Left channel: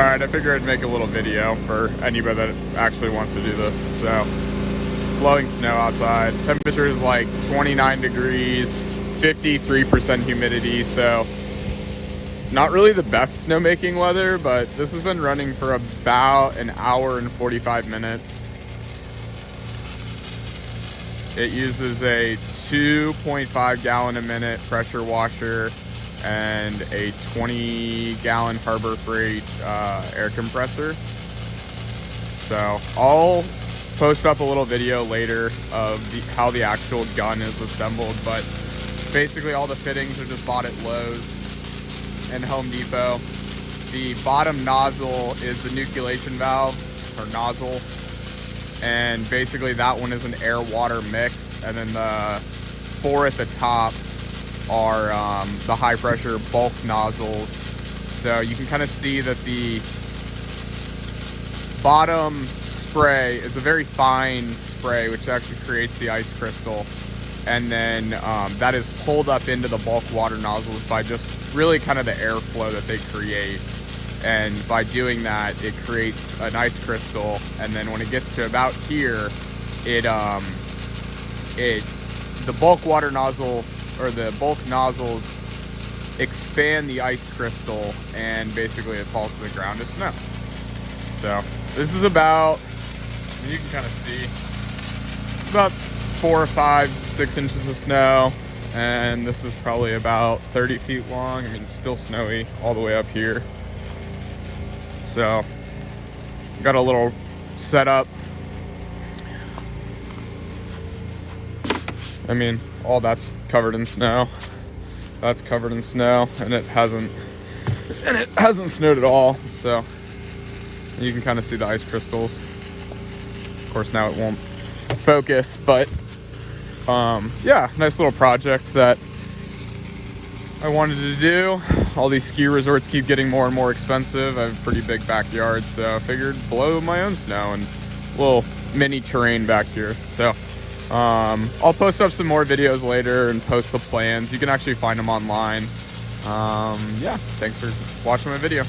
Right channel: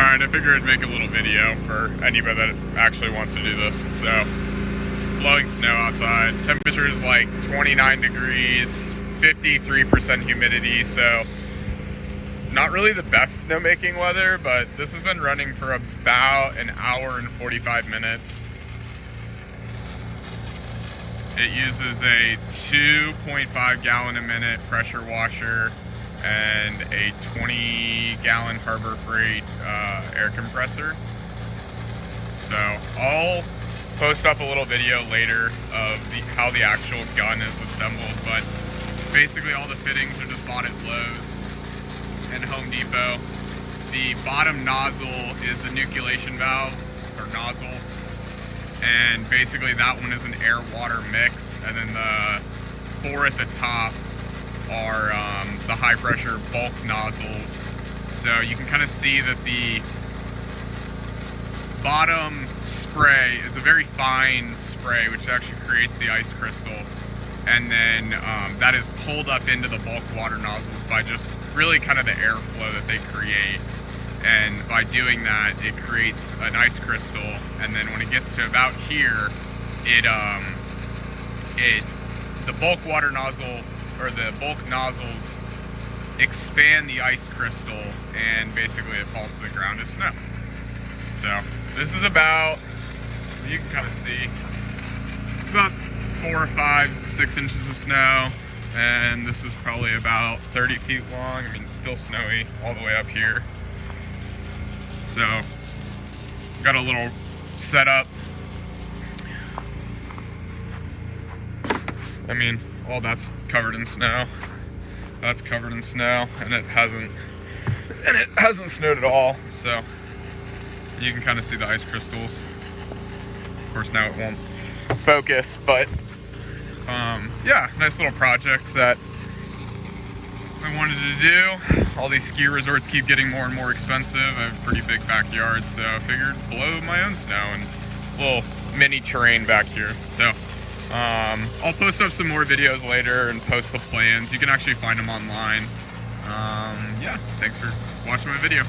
Alright, I figured I'd make a little video for anybody that actually wants to do this. So, blowing snow outside. Temperature is like 29 degrees, 53% humidity, so not really the best snowmaking weather, but this has been running for about an hour and 45 minutes. It uses a 2.5 gallon a minute pressure washer and a 20 gallon Harbor Freight air compressor. So I'll post up a little video later of how the actual gun is assembled, but basically all the fittings are just bought at Lowe's and Home Depot. The bottom nozzle is the nucleation valve, or nozzle, and basically that one is an air-water mix, and then the four at the top are the high-pressure bulk nozzles. So you can kind of see that the bottom spray is a very fine spray, which actually creates the ice crystal, and then that is pulled up into the bulk water nozzles by just really kind of the airflow that they create. And by doing that, it creates an ice crystal, and then when it gets to about here, the bulk water nozzle, or the bulk nozzles, expand the ice crystal, and basically it falls to the ground as snow. So this is about, you can kind of see, about 4 or 5, 6 inches of snow, and this is probably about 30 feet long. I mean, it's still snowy all the way up here. So got a little setup. I mean, all that's covered in snow. That's covered in snow, and it hasn't snowed at all. So you can kind of see the ice crystals. Of course, now it won't focus, but yeah, nice little project that I wanted to do. All these ski resorts keep getting more and more expensive. I have a pretty big backyard, so I figured blow my own snow and a little mini terrain back here. So I'll post up some more videos later and post the plans. You can actually find them online. Yeah, thanks for watching my video.